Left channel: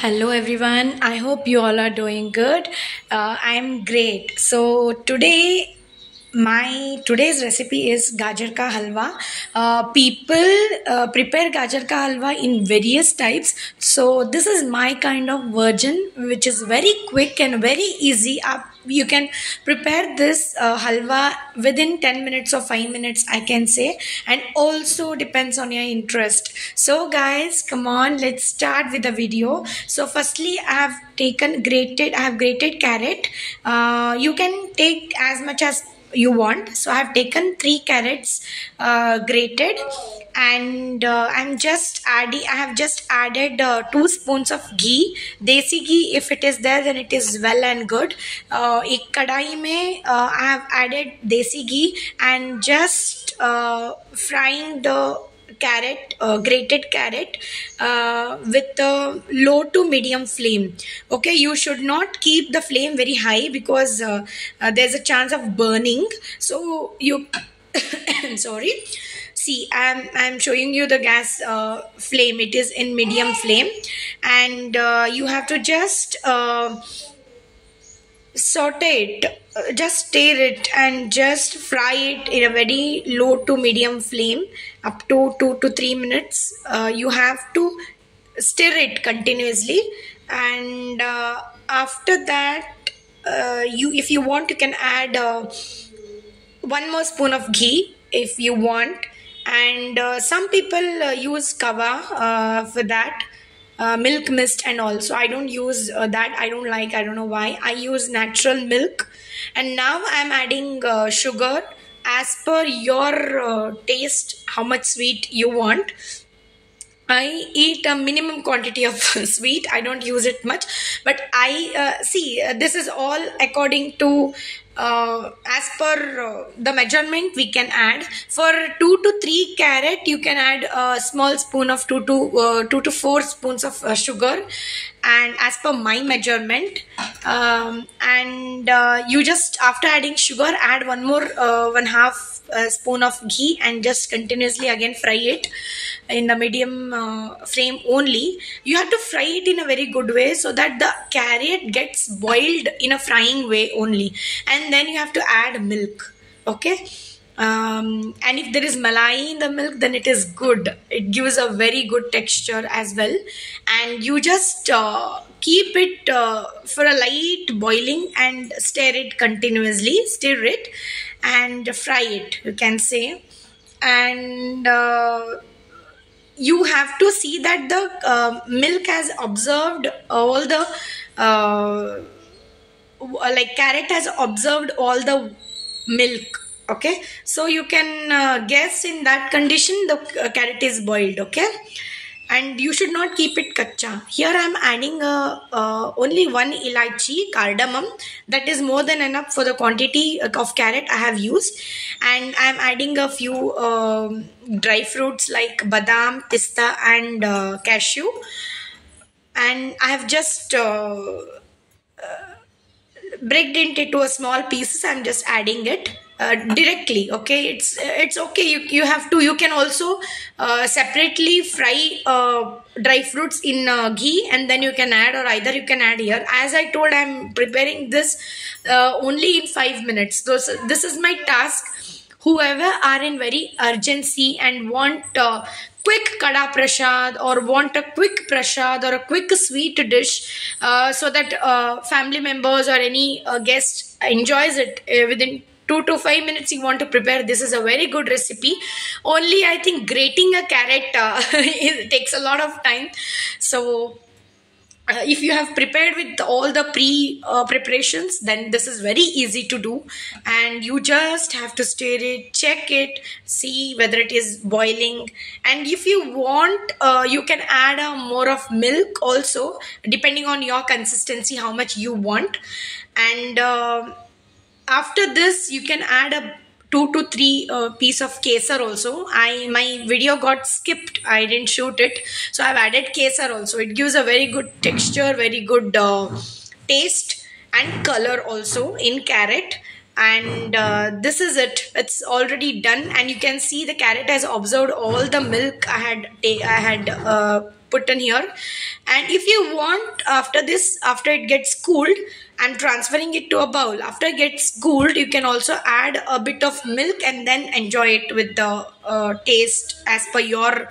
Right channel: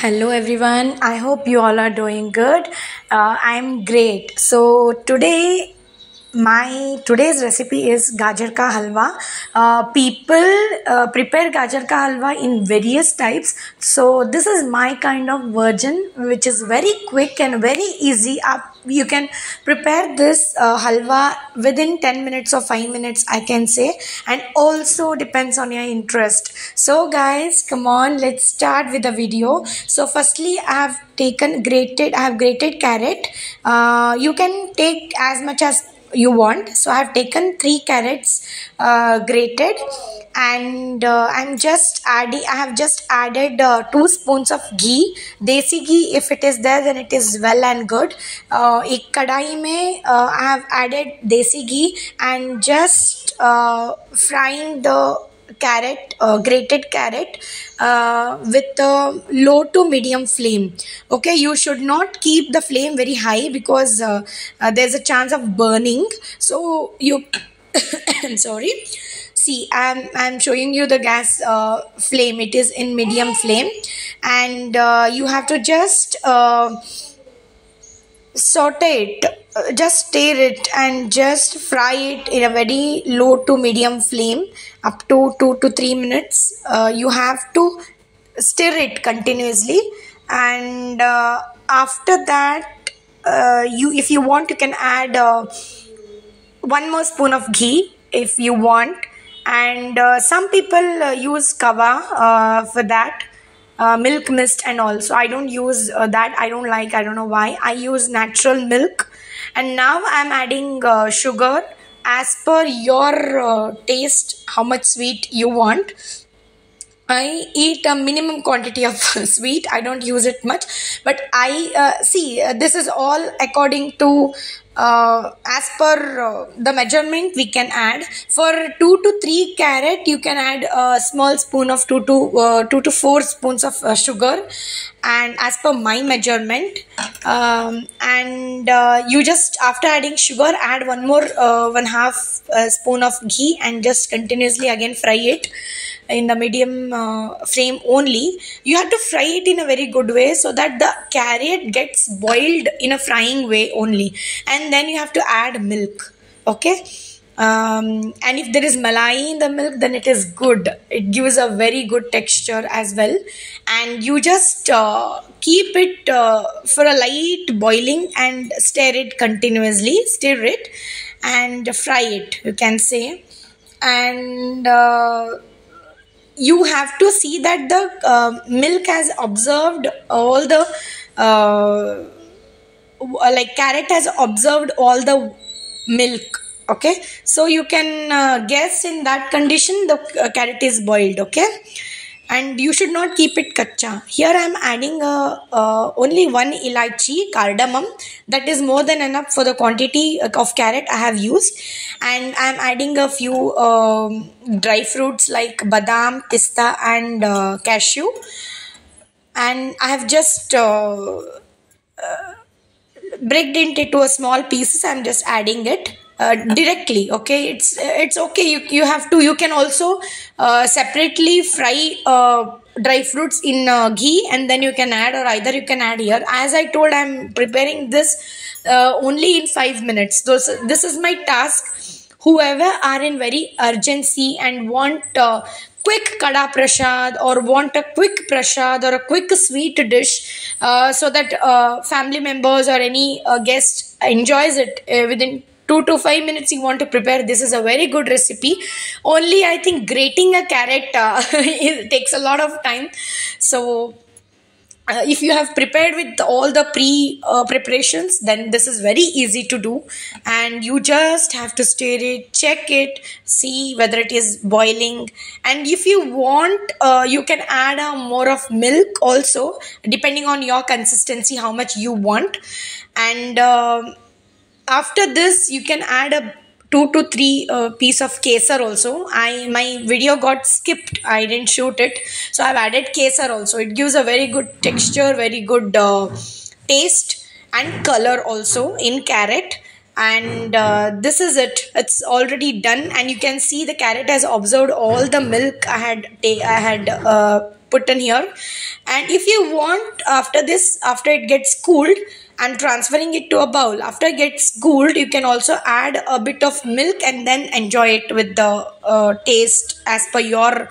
Hello everyone. I hope you all are doing good. I'm great. So today's recipe is gajar ka halwa. People prepare gajar ka halwa in various types. So this is my kind of version, which is very quick and very easy. You can prepare this halwa within 10 minutes or 5 minutes, I can say, and also depends on your interest. So guys, come on, let's start with the video. So firstly, I have grated carrot. You can take as much as you want. So I have taken 3 carrots grated, and I have just added 2 spoons of ghee, desi ghee. If it is there, then it is well and good. एक कढ़ाई में I have added desi ghee and just frying the grated carrot with a low to medium flame. Okay, you should not keep the flame very high because there's a chance of burning. So you sorry. See, I'm showing you the gas flame. It is in medium flame, and you have to just saute it, just stir it and just fry it in a very low to medium flame up to 2 to 3 minutes. You have to stir it continuously, and after that, if you want, you can add 1 more spoon of ghee if you want. And some people use kava for that, milk mist and all. So I don't use that. I don't know why. I use natural milk. And now I'm adding sugar as per your taste, how much sweet you want. I eat a minimum quantity of sweet. I don't use it much, but this is all according to as per the measurement we can add. For 2 to 3 carrot, you can add a small spoon of 2 to 4 spoons of sugar, and as per my measurement. You just, after adding sugar, add 1/2 spoon of ghee and just continuously again fry it in the medium flame only. You have to fry it in a very good way so that the carrot gets boiled in a frying way only, and then you have to add milk. Okay, and if there is malai in the milk, then it is good. It gives a very good texture as well. And you just keep it for a light boiling and stir it continuously, and fry it, you can say. And you have to see that the milk has absorbed all the carrot has absorbed all the milk. Okay, so you can guess in that condition the carrot is boiled. Okay, and you should not keep it kacha. Here I am adding only 1 elaichi, cardamom. That is more than enough for the quantity of carrot I have used. And I am adding a few dry fruits like badam, pista and cashew. And I have just breaked it into a small pieces. I am just adding it directly. Okay, it's okay. You can also separately fry dry fruits in ghee, and then you can add, or either you can add here. As I told, I'm preparing this only in 5 minutes. This is my task. Whoever are in very urgency and want quick kada prasad, or want a quick prasad or a quick sweet dish, so that family members or any guest enjoys it within 2 to 5 minutes, you want to prepare. This is a very good recipe. Only I think grating a carrot it takes a lot of time. So if you have prepared with all the preparations, then this is very easy to do. And you just have to stir it, check it, see whether it is boiling. And if you want, you can add more of milk also, depending on your consistency, how much you want. And after this, you can add a 2 to 3 piece of kesar also. My video got skipped. I didn't shoot it. So I've added kesar also. It gives a very good texture, very good taste and color also in carrot. And this is it. It's already done, and you can see the carrot has absorbed all the milk I had put in here. And if you want, after this, after it gets cooled, I'm transferring it to a bowl. After it gets cooled, you can also add a bit of milk and then enjoy it with the taste as per your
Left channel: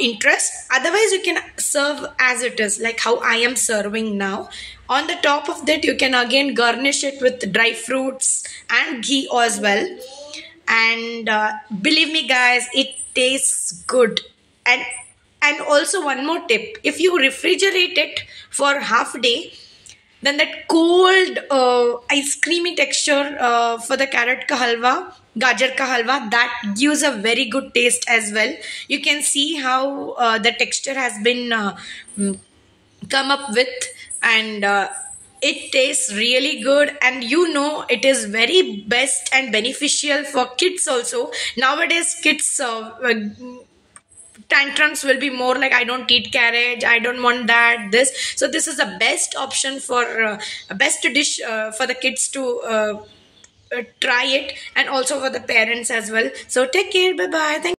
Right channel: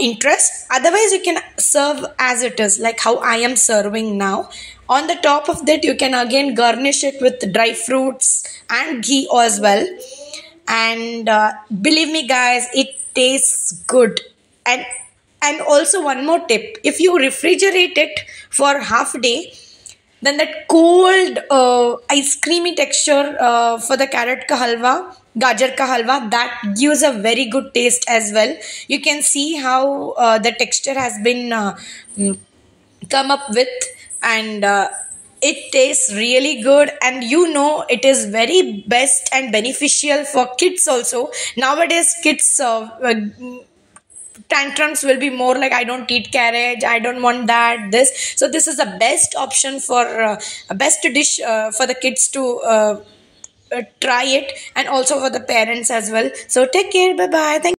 interest. Otherwise, you can serve as it is, like how I am serving now. On the top of that, you can again garnish it with dry fruits and ghee as well. And believe me guys, it tastes good. And also one more tip, if you refrigerate it for half a day, then that cold ice creamy texture for the carrot ka halwa, gajar ka halwa, that gives a very good taste as well. You can see how the texture has been come up with. And it tastes really good, and you know it is very best and beneficial for kids also. Nowadays kids tantrums will be more like, I don't eat carrot, I don't want that, this. So this is the best option for a best dish for the kids to try it, and also for the parents as well. So take care, bye bye, thank